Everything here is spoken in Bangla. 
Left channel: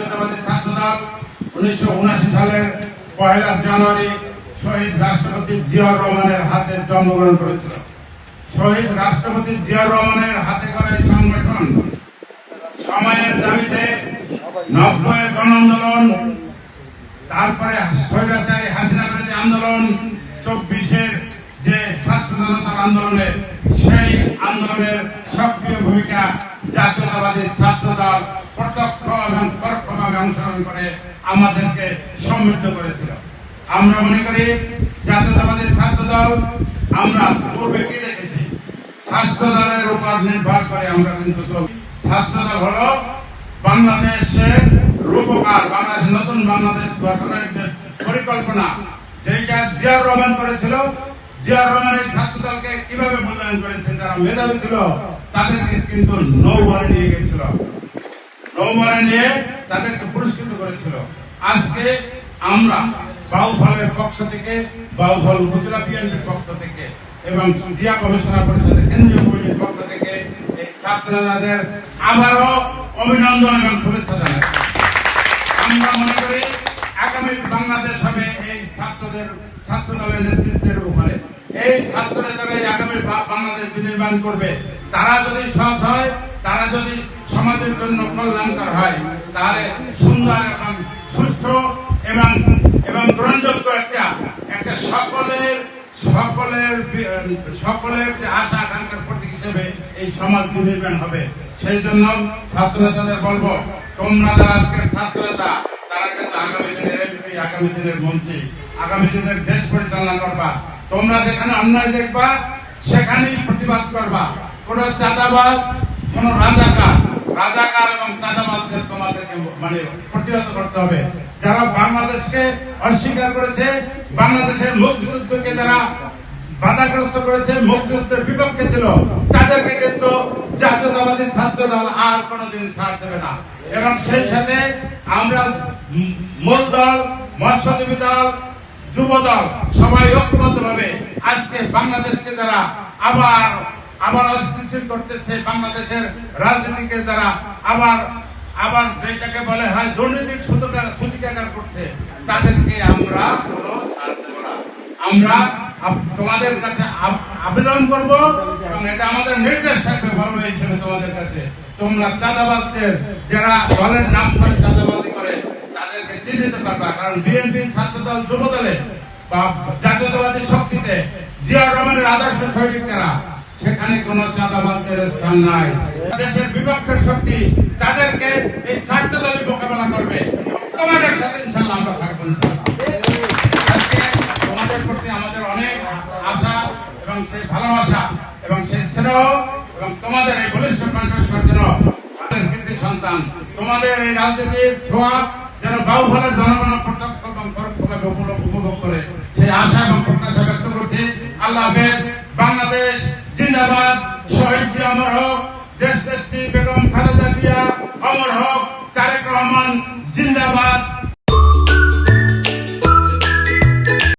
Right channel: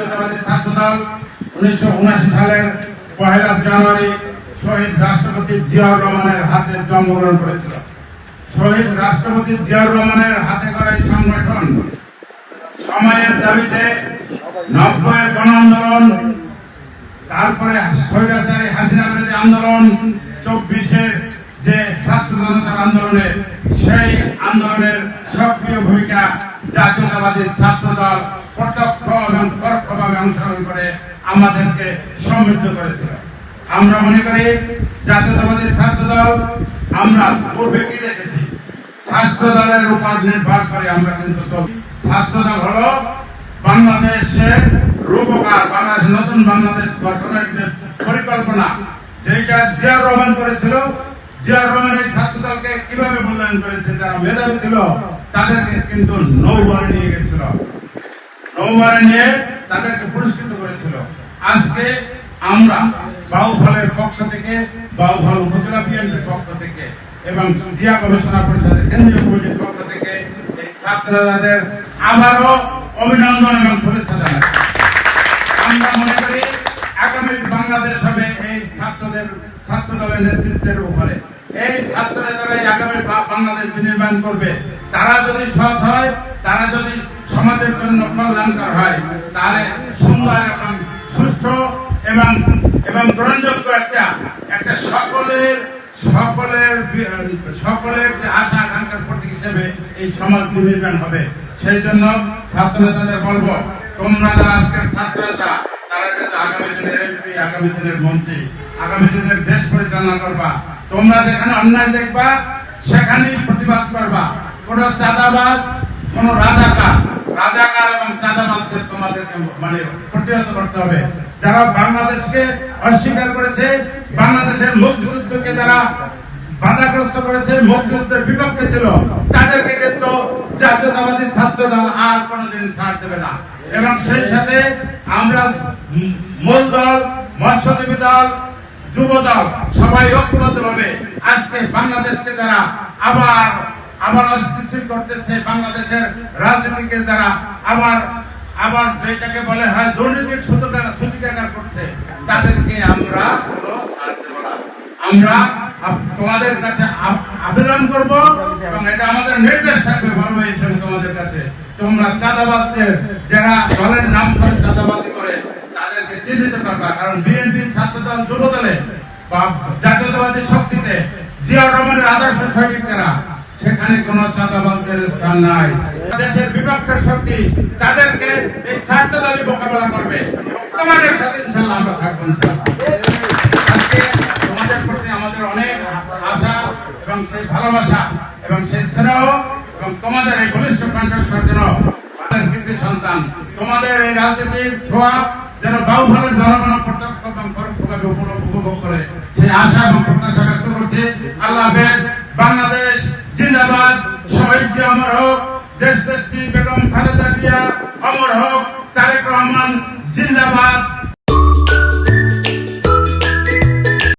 জাতীয়তাবাদী ছাত্রদল 1979 সালের 1 জানুয়ারি শহীদ রাষ্ট্রপতি জিয়াউর রহমানের হাতে জন্মগ্রহণ করেছিল। শহীদ রাষ্ট্রপতি জিয়াউর রহমানের হাতে গড়া এই সংগঠন সময়ের দাবিতে 90-এর গণ আন্দোলন, তারপরে স্বৈরাচারী হাসিনা বিরোধী আন্দোলন, 24-এর যে ছাত্র জনতার আন্দোলনে, সেই আন্দোলনের সক্রিয় ভূমিকা জাতীয়তাবাদী ছাত্রদল প্রত্যক্ষ এবং পরোক্ষভাবে অংশগ্রহণ করে আমাদেরকে সমৃদ্ধ করেছিল। আমরা মনে করি জাতীয়তাবাদী ছাত্রদল, আমরা পূর্বে কি দেখেছি, ছাত্রদলের উপর নির্ভর করে আমরা কিন্তু চলি। ছাত্রদল হলো বাংলাদেশের রূপকার, বাংলাদেশ নতুন বাংলাদেশ গঠনের যে পরিকল্পনা, যেটা জিয়াউর রহমান করেছিল। জিয়াউর রহমান এই ছাত্রদলকে কিভাবে মূল্যায়ন করেছেন? যারা মেধাবী ছিল তাদেরকে কিন্তু নৌবরে নিয়ে গেছিল, নৌবরে নিয়ে তাদেরকে পুরস্কৃত করেছিল। আজকে আমরা বাউফলের পক্ষ থেকে, বাউফল উপজেলা বিএনপির পক্ষ থেকে এবং জিয়া গবেষণা পরিষদের কেন্দ্রীয় কমিটির পক্ষ থেকে এই ছাত্রদের আবারও অভিনন্দন এবং শুভেচ্ছা জানাচ্ছি। আমরা মনে করি আগামী বাংলাদেশ হবে এই ছাত্রদলের নেতৃত্বের উপরে। এই ছাত্র নেতারাই আগামী বাংলাদেশ বিনির্মাণ করবে। তারা যদি সৎ হয়, তারা যদি সমাজের জন্য কল্যাণকর হয়, তাহলে সুন্দর এবং সুষ্ঠু এবং গ্রহণযোগ্য একটা সকলের যে আশা আকাঙ্ক্ষার প্রতীক হিসেবে এই সমাজ বিনির্মাণ হবে। সেই জন্য ছাত্র নেতাদের বলবো, তোমরা যারা আজকের ছাত্র নেতা, তারা কিন্তু আগামী দিনের এমপি, আগামী দিনের মন্ত্রী, আগামী দিনের দেশ পরিচালনা করবা। তোমরা যেখানে অন্যায় দেখবা সেখানেই প্রতিবাদ করবা। কোন চাঁদাবাজ, কোন রাজাকার এবং চাঁদাবাজদের তোমাদেরকে প্রতিহত করতে হবে। যারা বাংলাদেশকে অস্বীকার করেছে, বাংলাদেশের মুক্তিযুদ্ধকে যারা বাধাগ্রস্ত করেছে, মুক্তিযুদ্ধের বিপক্ষে ছিল, তাদেরকে কিন্তু জাতীয়তাবাদী ছাত্রদল আর কোনদিন ছাড় দেবে না। এবং সেই সাথে আমরা মূল দল, মৎস্যজীবী দল, যুব দল সবাই ঐক্যবদ্ধভাবে আজকে বাংলাদেশকে যারা আবার অস্থিতিশীল করতেছে, বাংলাদেশের রাজনীতিকে যারা আবার যেটাকে বলে হয় দুর্নীতির সূতিকাগার করছে, তাদেরকে আমরা কোনো ছাড় দেব না। আমরা তোমাদের কাছে আবেদন করব এবং এটা আমাদের নির্দেশ থাকবে বড় হিসেবে তোমাদের কাছে, তোমরা চাঁদাবাজদের, যারা দলের নাম করে চাঁদাবাজি করে, তাদেরকে চিহ্নিত করবা। কারণ বিএনপি, ছাত্রদল, যুব দলে বা জাতীয়তাবাদী শক্তিতে জিয়াউর রহমানের আদর্শ সৈনিক যারা, সেখানে কোন চাঁদাবাজদের স্থান নাই। দেশের বিপক্ষের শক্তি, তাদেরকে এই ছাত্রদলই মোকাবেলা করবে। তোমাদের সাথে ইনশাআল্লাহ আমরা থাকবো। আজকে তোমাদের প্রতি আমাদের অনেক আশা এবং সেই ভালোবাসা এবং সেই স্নেহ এবং তোমাদের এই বলিষ্ঠ কণ্ঠস্বর যেন আমাদের কৃতি সন্তান, তোমাদের এই রাজনীতির ছোঁয়া যেন বাউফলের জনগণ প্রত্যক্ষ এবং পরোক্ষভাবে উপভোগ করে, সেই আশা এবং প্রত্যাশা ব্যক্ত করছি। আল্লাহ হাফেজ। বাংলাদেশ জিন্দাবাদ। শহীদ জিয়া অমর হোক। দেশনেত্রী বেগম খালেদা জিয়া অমর হোক। তারেক রহমান জিন্দাবাদ।